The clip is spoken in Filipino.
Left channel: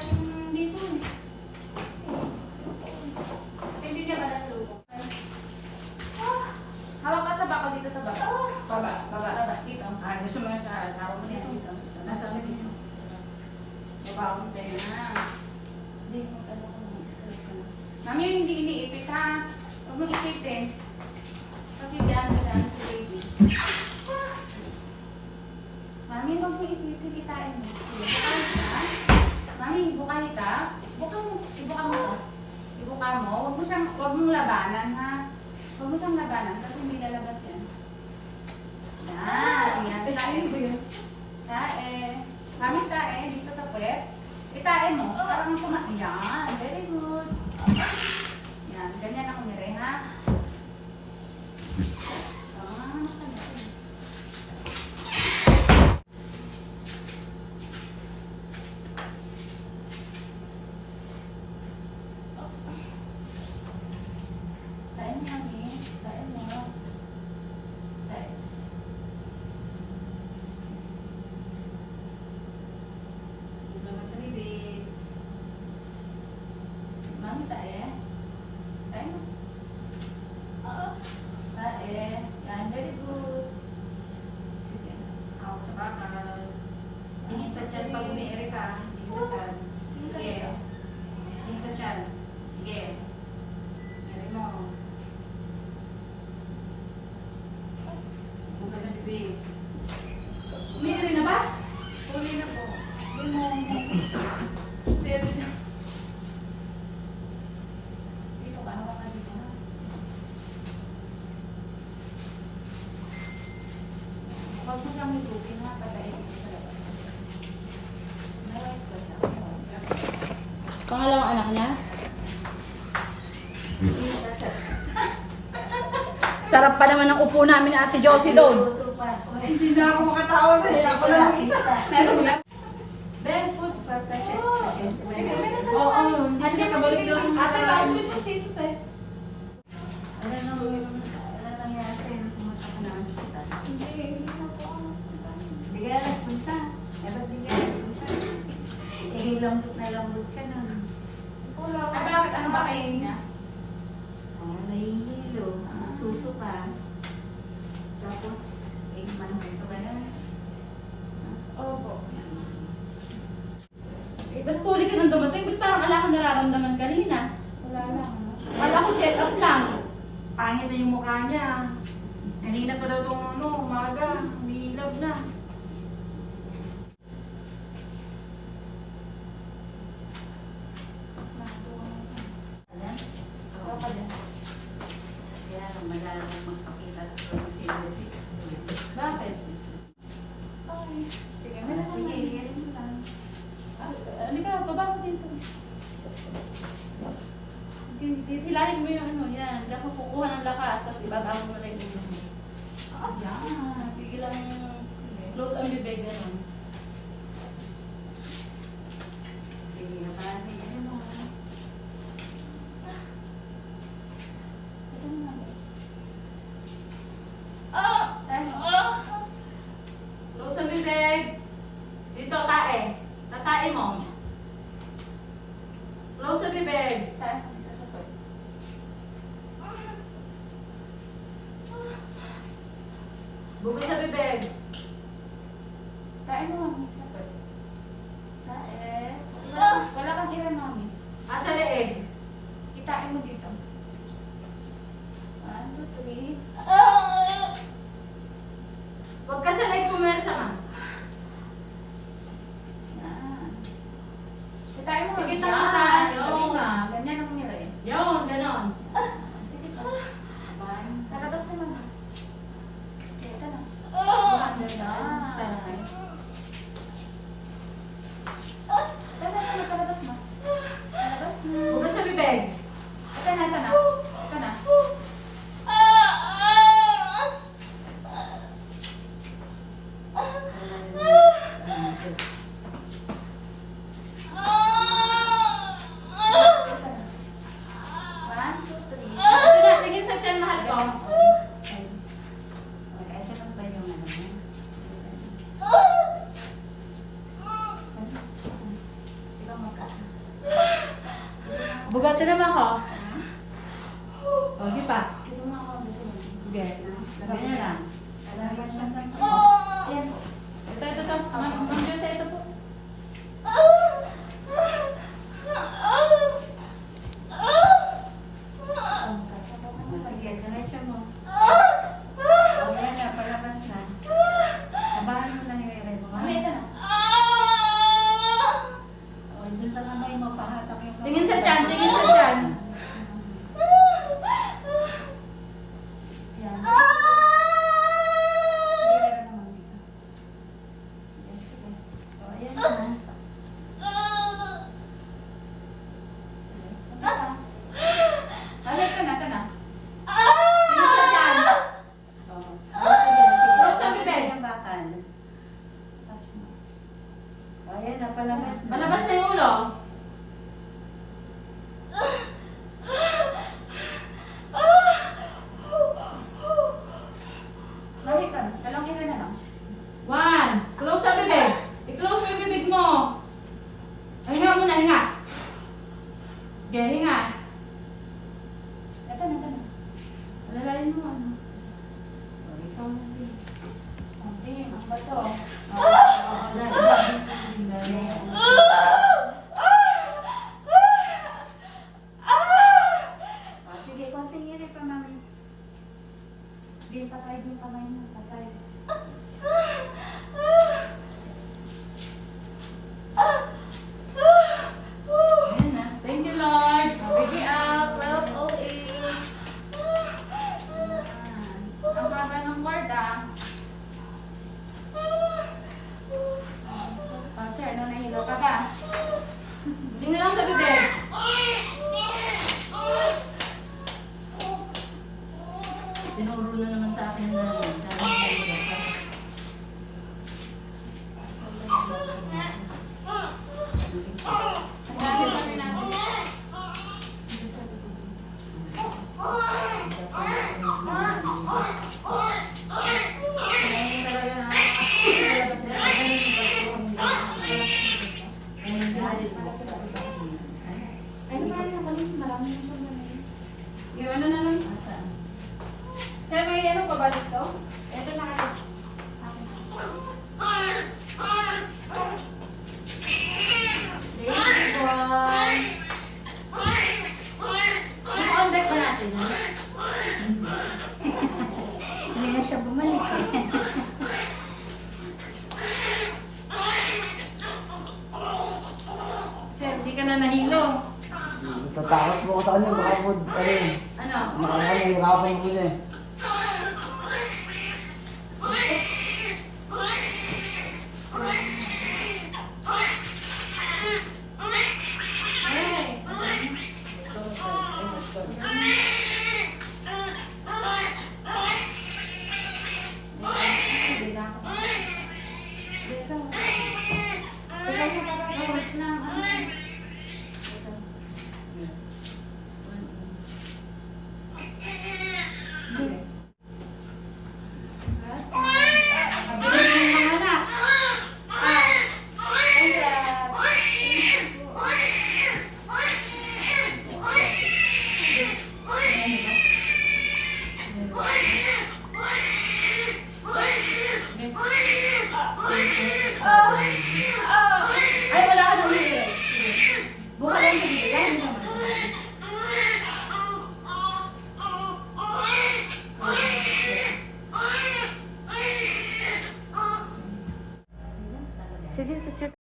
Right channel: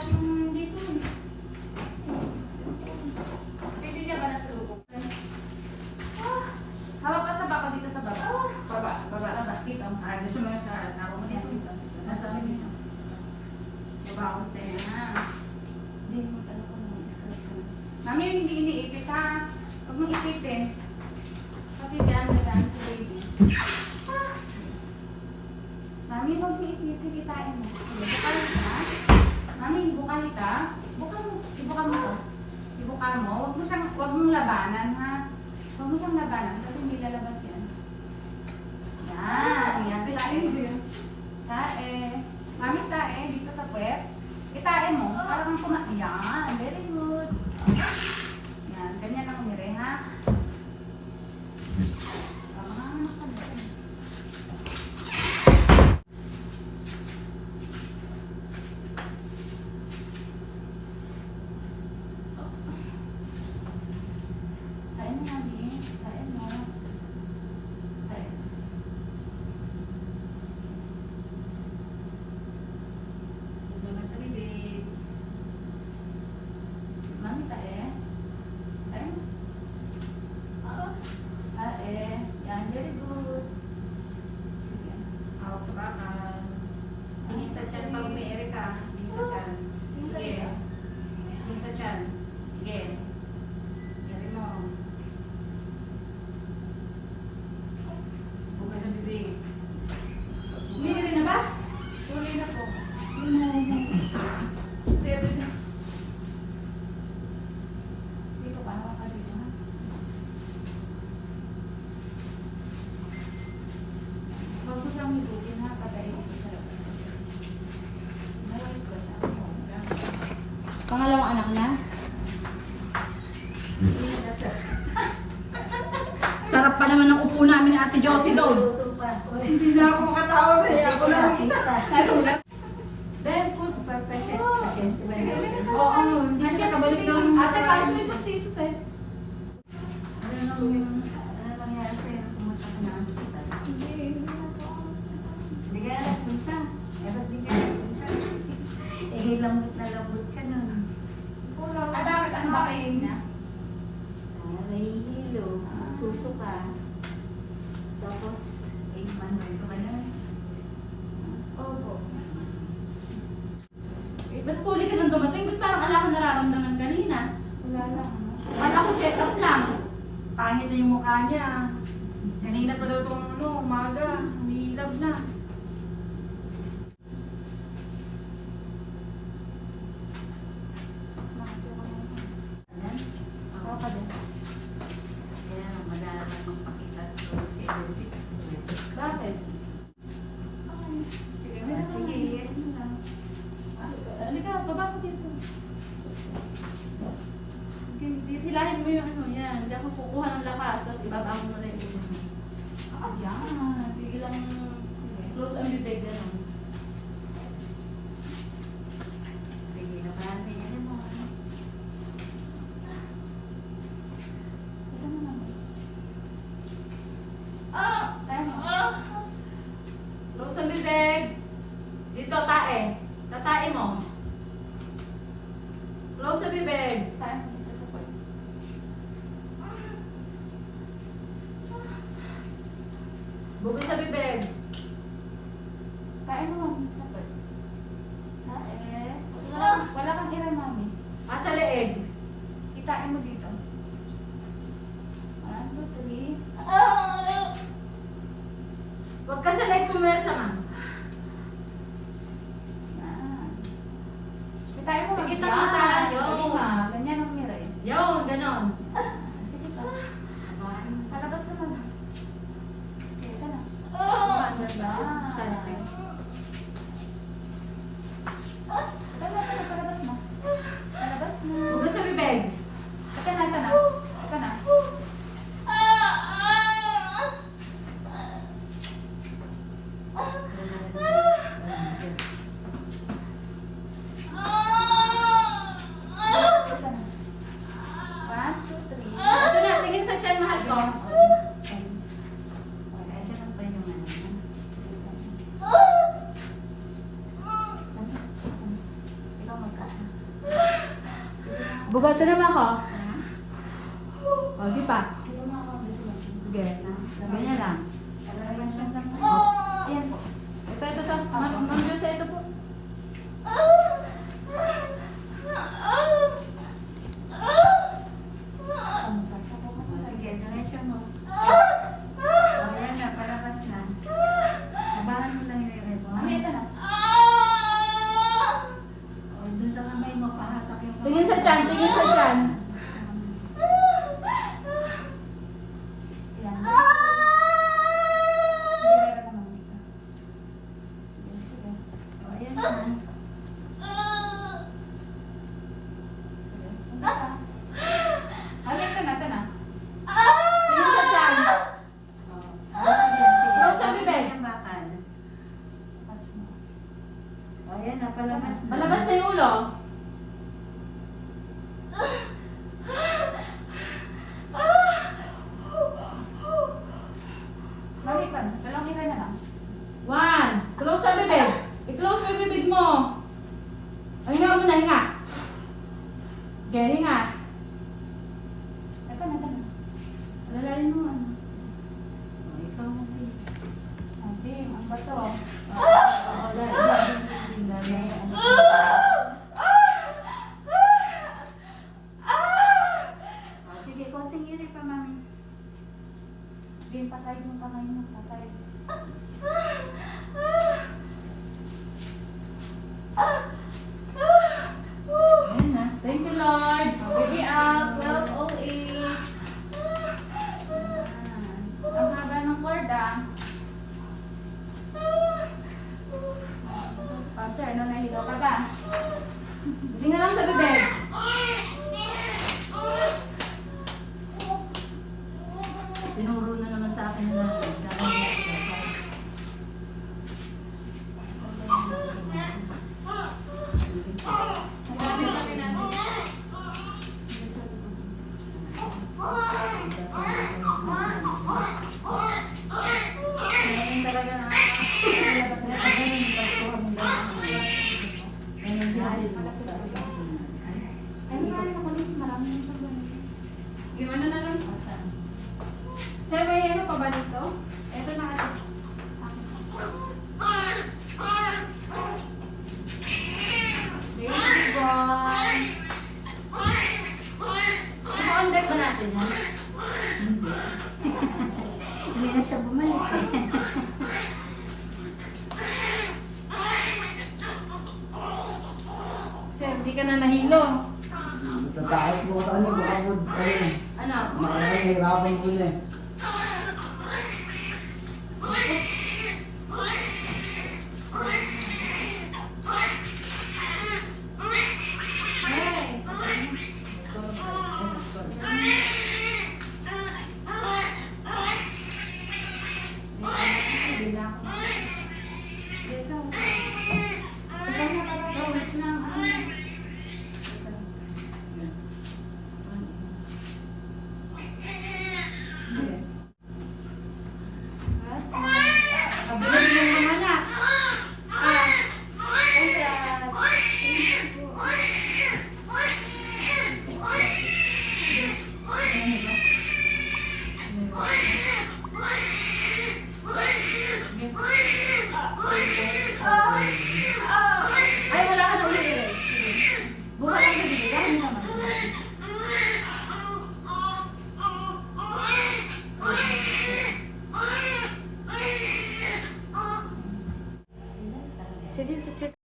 dito eh. Bibigyan ba na sa lubong? Hawak ka sa bakal dito sa baba. Baba. Dito. Gusto mo na sa asawa mo dito. Nasa lagi niya. Baba ko tayo na. Hindi mo ka na. Mami, hindi iniipit ha. Huwag mong ipitin. Kasi diyan madami si baby. Mami, huwag mong ipitin. Kitain mo. Bukalit ka. Mami, bukalit ka. Ibuka mo to. Ibuka mo. Huwag mong labanan ha. Huwag mo siyang labanan kasi may lalabas yan. Yan. Tae. Mami, tae. Dito sa puwet. Itae mo. Para kang tumae. Yan. Very good. Yan. Ganyan ako nire, ha? Tae mo, mami. Tae mo. Tae. Naman sa bibig. Mami, tae. Tae mo. Tae. Yan, very good. Sige. Hawak sa bakal. Tingin sa tiyan pag umiiri ka. Tingin sa tiyan. Sige. Tingin sa tiyan. Sige. Iri mo. Bukas sa bibig. Umiiri na ba? Uli na po. Dito ka, hawak ka dito ha. Huwag mo siyang hitupin ha, pagkain dito sa labas. Pangalawang anak niya? Sarap pa naman ang upo namin ni Ate Josie doon. Hindi na ako makatawa na. Ako lang isa. Ben, food for patient. Oo, hindi siya nakabalik yun. Ate, paano may postiso tayo? Ano nangyari sa'yo? Pumunta ka ng hospital. Hindi ka nagpunta. Hindi ka nagpunta. Lambot na lambot ka nun. At bakit ano ba kayo niya? Nahihilo. Suso ka. Tapos, impansin ka ba na? Opo. Ba't puli ka nang dumating? Ba't parang wala kang nararamdaman kanina? Wala lang, ano? Wala ko check up lang. Pangit na yung mukha niya. Kanina pa daw itong umaga. Humihilab na. Ako pa din. Kaya lang madalang magpakita ko ng 06. Bakit? Ay, sige, meron ka Sige, na. yan mo lang. Halika, baba ko dito. Hilahin mo yung ano yan. Diyan ka kukuha ng lakas, tapos ibabaw mo na yung ulo mo. Yan. Biglang close ang bibig, gano'n. Sige, naparami yan mo. Ito na lang. Tayo mo. Close ang bibig. Dito, tae. Tatae mo. Close ang bibig. Tayo mo dito sa pwede. Bugay sa bibig. Tayo mo, mami. Sa pwede. Tae. Wala kang ira, mami. Asa leeg. Itain mo dito. 1, 2, 3. Huwag ka sa leeg pumersa, ma'am. Yan. Itain mo. Sige, Yan. tayo. Dali nga. Ganyan ang mira eh. Yun, ganon. Sige pa. Kalabas naman. Ito na. Palabas mo. Palabas mo. Bugay sa bibig. Ito na, ito na. Ito na. Bugatin naman ako. O, di pa. Ito nga ako. Sige. Ganyan lang. Ayan po. Ito. Ma'am Jose, ito po. O, sige, diretso mo. O, yan na, palabas na. Habahan mo lang yung ere mo. Ano ito na? O, dun sa kamay mo, pahatak yung kamay. Tingin sa tiyan, tingin sa tiyan. Ayan. Hindi, meron naman dito. Sige. O, ayan na. Ito na, ito na. Tingin sa tiyan. O, ayan, sige. Close ang bibig. Yung bakal. O, ayan na, palabas na. Malabas na yung ulo. Lahitan. Dalawang kita na lang. 1. Close ang bibig. I-close mo yung bibig mo. Hinga mo na, hinga. Okay, hinga. Ito na. Alalayan mo. O, ikaw mo. Ate, ang bato. Sige, konting yun pa, mami. Din, pasayid yung kamay mo. Pasayid. Ayan na. Thank you, Lord. Baby out. 12:08. Ang haba ng cord ah. Kasi ano, nahilo ka ka? Hindi na lang sa bibig. Tinuro na naman sa akin na Ngayon talaga na. Talaga sila. Ay, marami na kulit. Marami na kulit. Yung ano na lang. Sir, may ano pa ba dito? Ito na. Baby boy. Ipo-on-deck ba natin? Ha? hindi na siya bumalik eh. Sir, hindi ka na nahilo. Tatakas mo ko sa kanya, baka mo, Ano? nahihirapan ko na eh. Hey. Abroad yung mga anak. Ay, wala ka na ulit. Buka lang yung bibig. Yan naman. Sige, picture.